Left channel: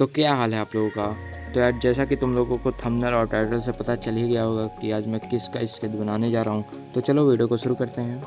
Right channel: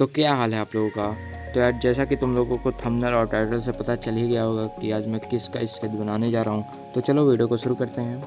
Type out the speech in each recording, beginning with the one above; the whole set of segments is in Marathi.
तो क्या हाल है आप लोगों का। तो यार जैसा कि तुम लोगों को थंबनेल और टाइटल से पता चल ही गया होगा कि आज मैं किसका स्केच बनाने जा रहा हूँ। तो चलो वीडियो को शुरू करते हैं।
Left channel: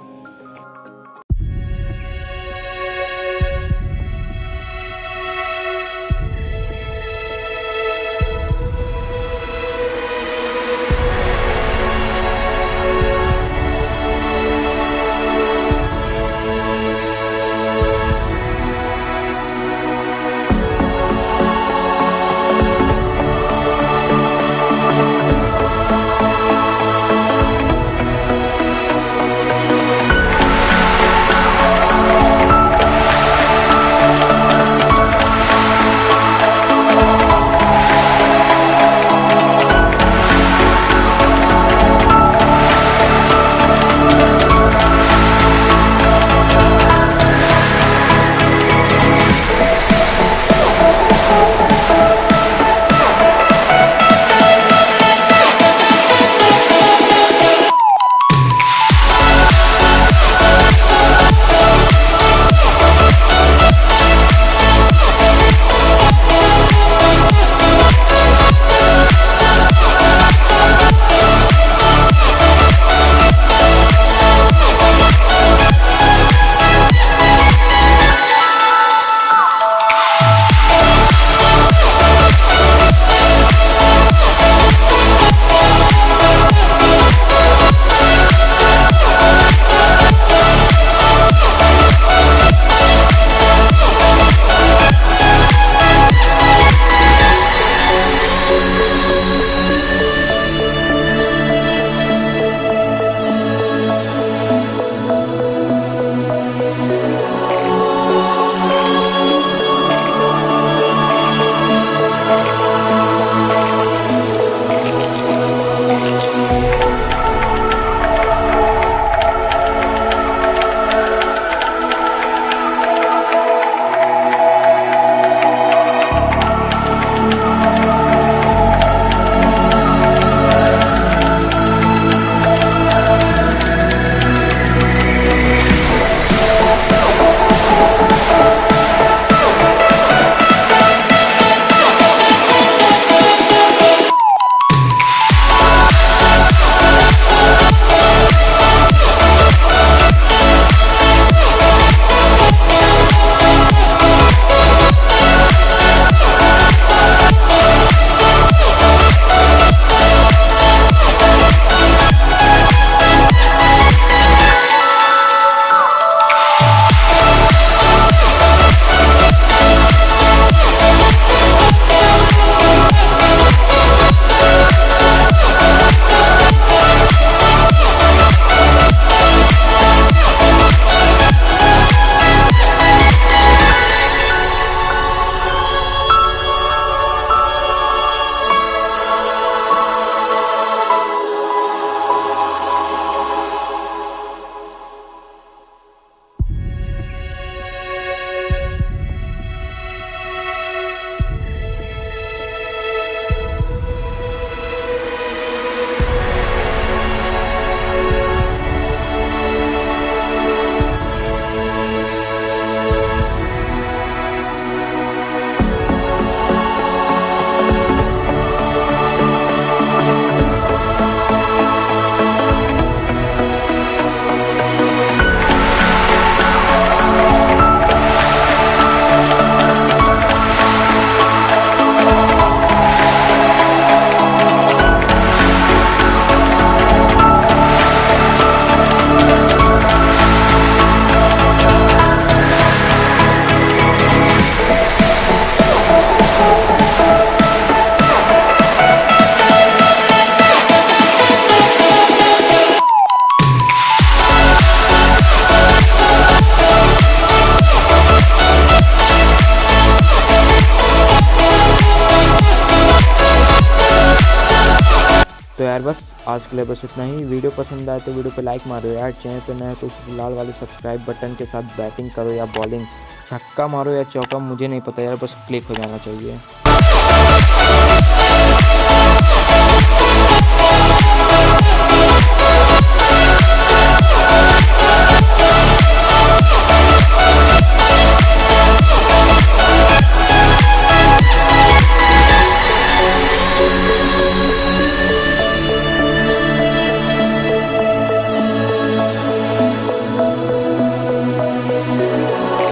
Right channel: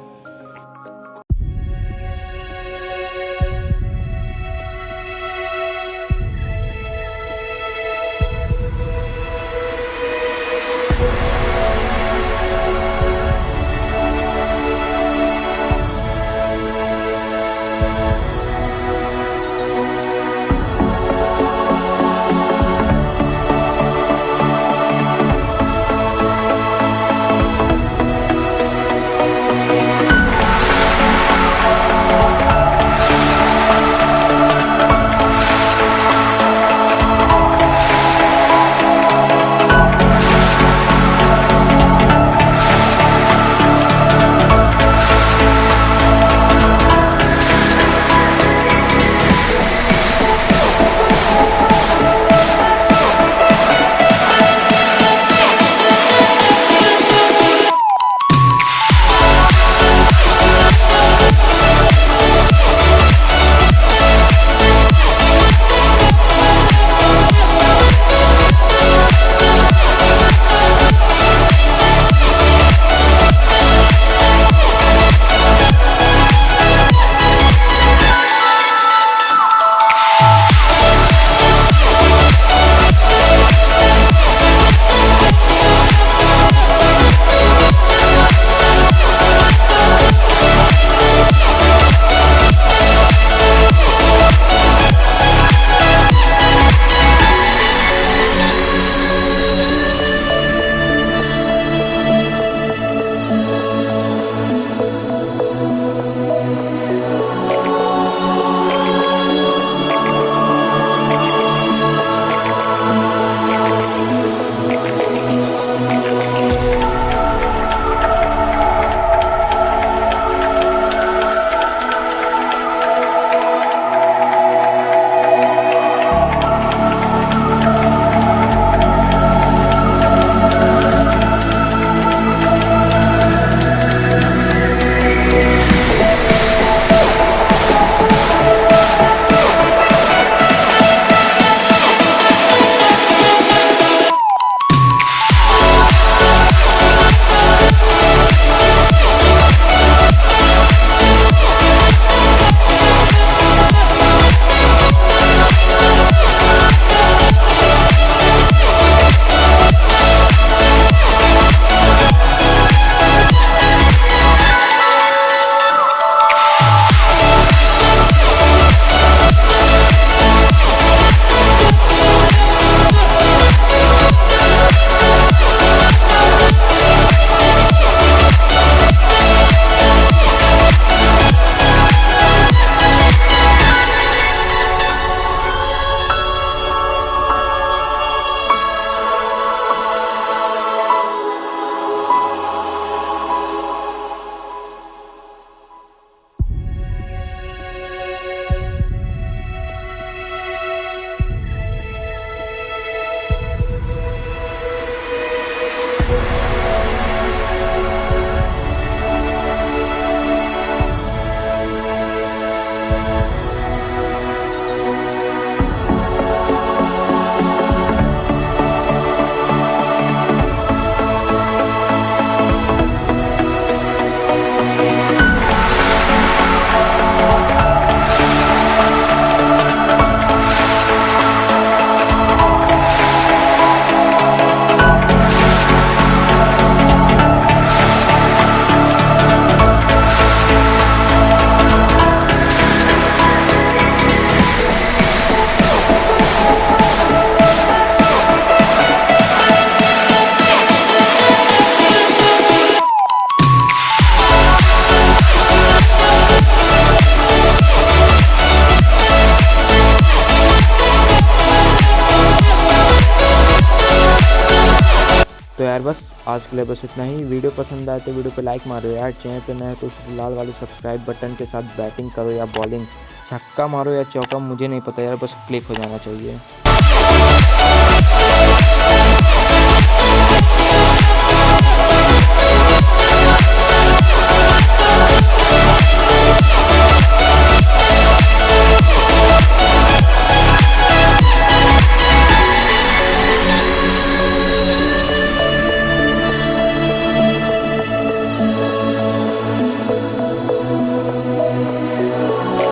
तो यार बस आज के लिए बस इतना ही। वीडियो पसंद आए तो वीडियो पे लाइक मारो यार। चैनल पे नए तो उस लाल वाले सब्सक्राइब बटन के साथ बैटिंग करो या बॉलिंग, छक्का मारो या चौका, मुझे नहीं पता यार, बस क्लिक हो जाना चाहिए।